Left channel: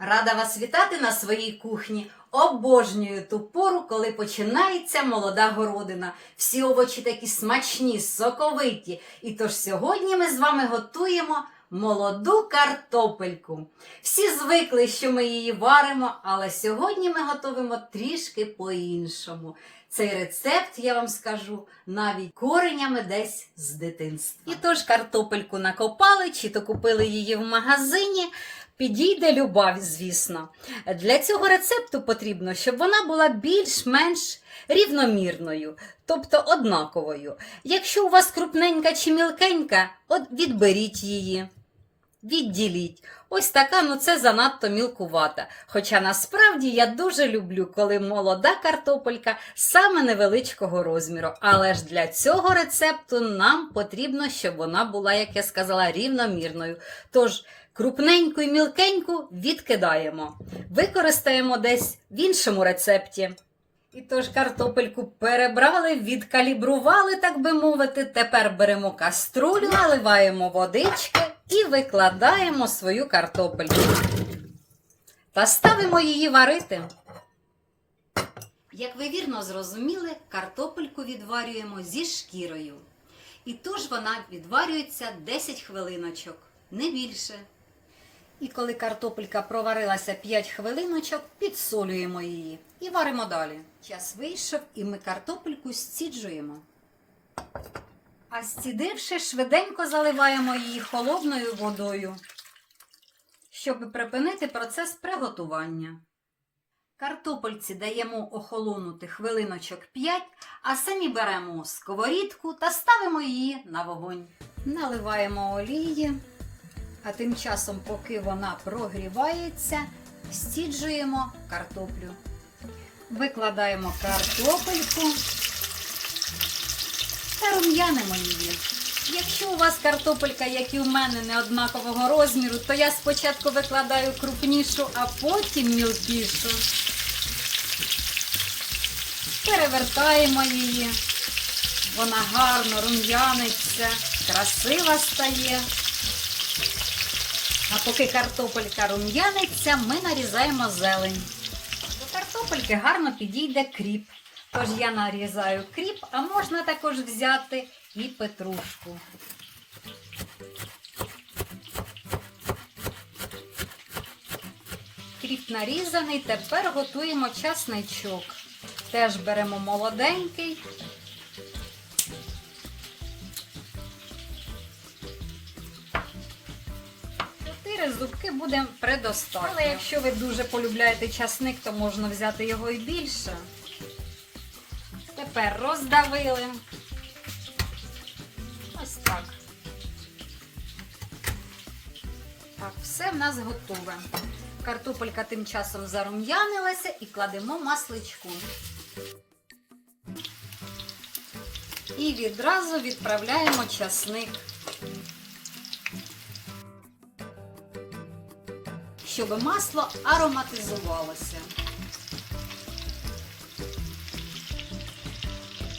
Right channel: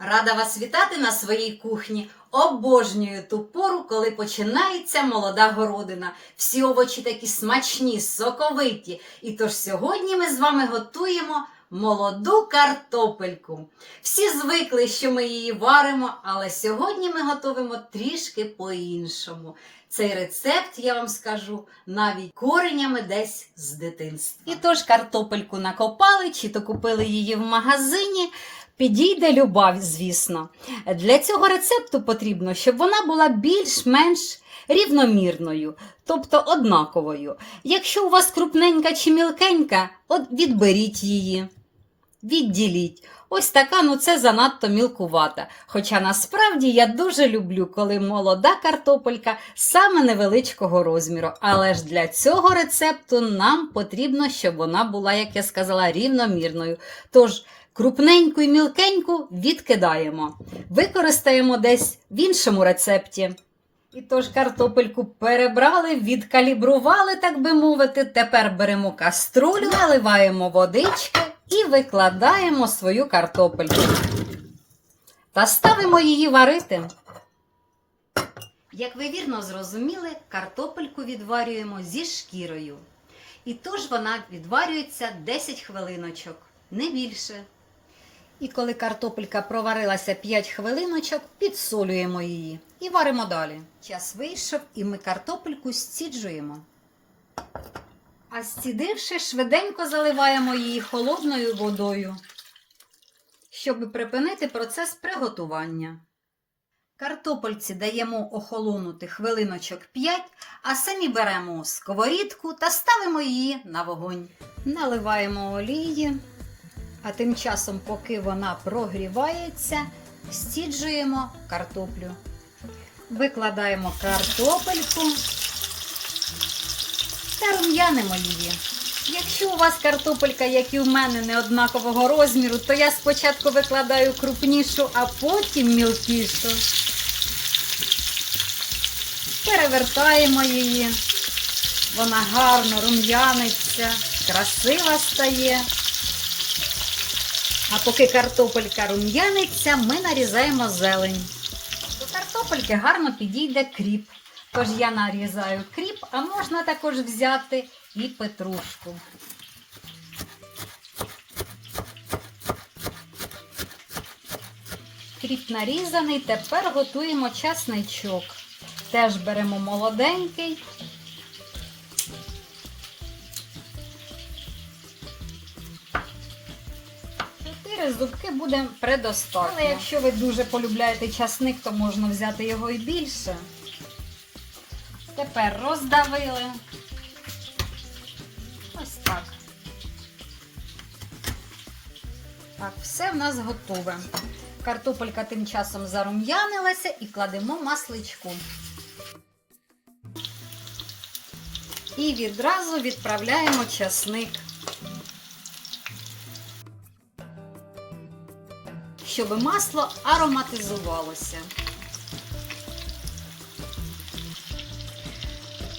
Рада вас вітати на своїй кухні. Обожнюю ту пору, коли починається молода городина. Всі овочі такі смачні, соковиті. І тож сьогодні ми з вами готуємо молоду картопельку. Всі звикли, що ми її варимо, але сьогодні ми готуємо трішки по-іншому. Цей рецепт, я вам скажу, навіть коренями десь з дитинства. І тож картопельку накопали, чи то купили її в магазині. Підійде любов, звісно. Для цього рецепту потрібно, щоб вона була більш-менш рівномірною, тобто однаковою. Якщо у вас крупненька чи мілкенька, от відберіть її, відділіть. Ось така, ну це занадто мілкувата. Хоча насправді я дуже люблю, коли молода картопелька саме невеличкого розміру. Але ж для цього рецепту нам потрібно, щоб вона була, як я сказала, рівномірною. Тож крупненьку і мілкеньку відкидаємо. Використаємо десь в іншому рецепті. І тож картопельку перебрали, відкалібрували, так би мовити. Тепер беремо каструлю, наливаємо водички і викладаємо свою картопельку. Та ставимо її варити. Як ви вірно зрозуміли, картопельку відварюємо зі шкірою. І тож вона відварюється 10 хвилиночок, не більше. І коли картопелька проварилася 5 хвилиночок, підсолюємо її і варимо далі. Час вийшов, і ми картопельку зціджуємо. А зцідивши, швиденько заливаємо її холодною водою, щоб припинити процес приготування. Картопельці даємо охолонути хвилиночок 5, а самі беремо сковорідку та ставимо її на вогонь. Наливаємо олії. А тим часом, поки вона прогрівається, стіджуємо картоплю. Викладаємо картопельку та рум'янимо її. Якщо у вас картопелька, як і у мене, не однакового розміру, то я спочатку викладаю крупнішу, а потім мілкішу. Перевертаємо її. Вона гарно рум'яниться, красива стає. Поки картопелька рум'яниться, ми нарізаємо зелень. До картопельки гарно підійде кріп. Тож я нарізаю кріп, а можна також взяти і петрушку. Кріп нарізаний, тепер готуємо часничок. Теж беремо молоденький. Чотири зубки буде предостатньо. Але якщо ви дуже полюбляєте часник, то можна взяти його і більше. Тепер роздавили. Ось так. Так, все в нас готове. Картопелька тим часом зарум'янилася і кладемо масличку. І відразу відправляємо часник. Щоб масло ароматизувалося.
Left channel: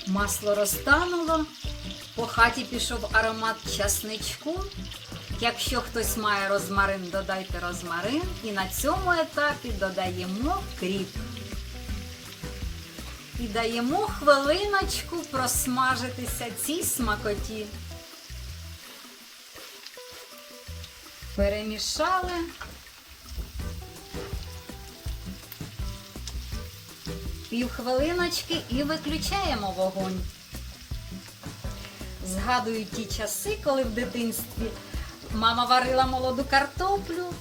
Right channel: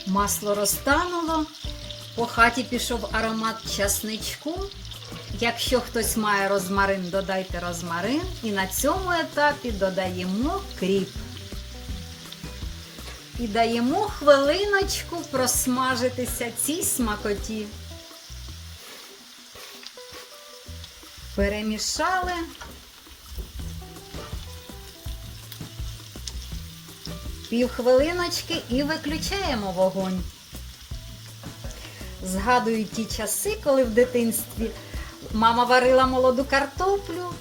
Масло розтануло, по хаті пішов аромат часничку. Якщо хтось має розмарин, додайте розмарин. І на цьому етапі додаємо кріп. І даємо хвилиночку просмажитися цій смакоті. Перемішали. Півхвилиночки і виключаємо вогонь. Згадую ті часи, коли в дитинстві мама варила молоду картоплю.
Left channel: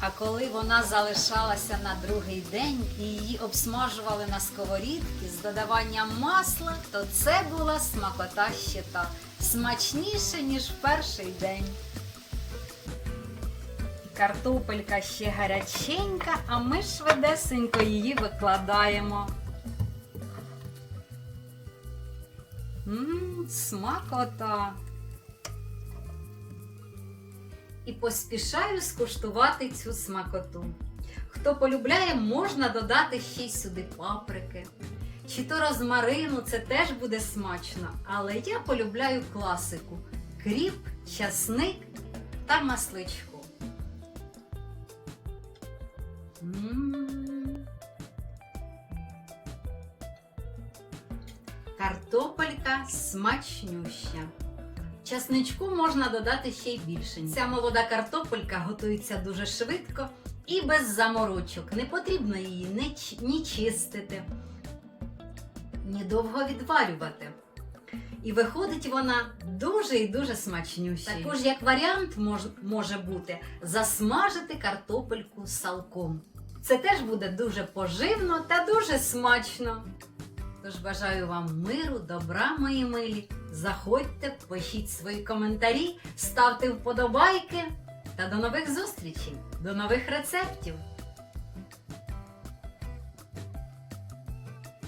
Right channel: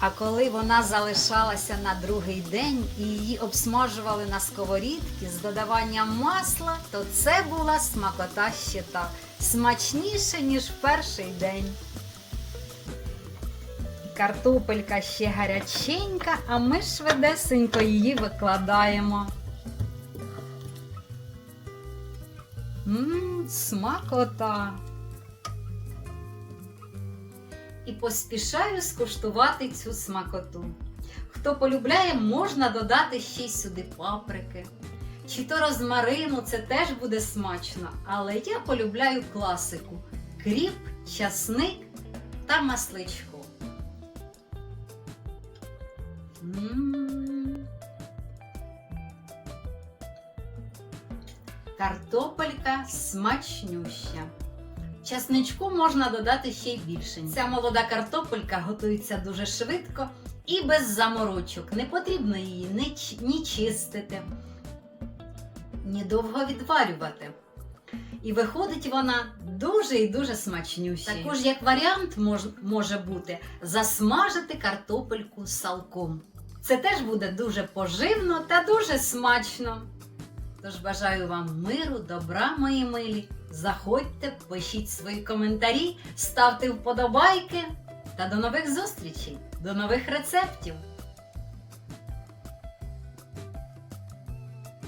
А коли вона залишалася на другий день і її обсмажували на сковорідці з додаванням масла, то це була смакота ще та смачніше, ніж в перший день. Картопелька ще гаряченька, а ми швидесенько її викладаємо. Ммм, смакота. І поспішаю скуштувати цю смакоту. Хто полюбляє, можна додати ще й сюди паприки. Чи то розмарину, це теж буде смачно. Але я полюбляю класику: кріп, часник та масличко. Картопелька смачнюща. Часничку можна додати ще й більше. Ця молода картопелька готується дуже швидко і без заморочок. Не потрібно її ні, чистити, ні довго відварювати. І виходить вона дуже і дуже смачнюща. Також як варіант мож, може бути засмажити картопельку салком. Це теж буде дуже поживно та дуже смачно. Тож бажаю вам миру, добра, мої милі. Заходьте, пишіть свої коментарі, ставте вподобайки та до нових зустрічей, до нових рецептів.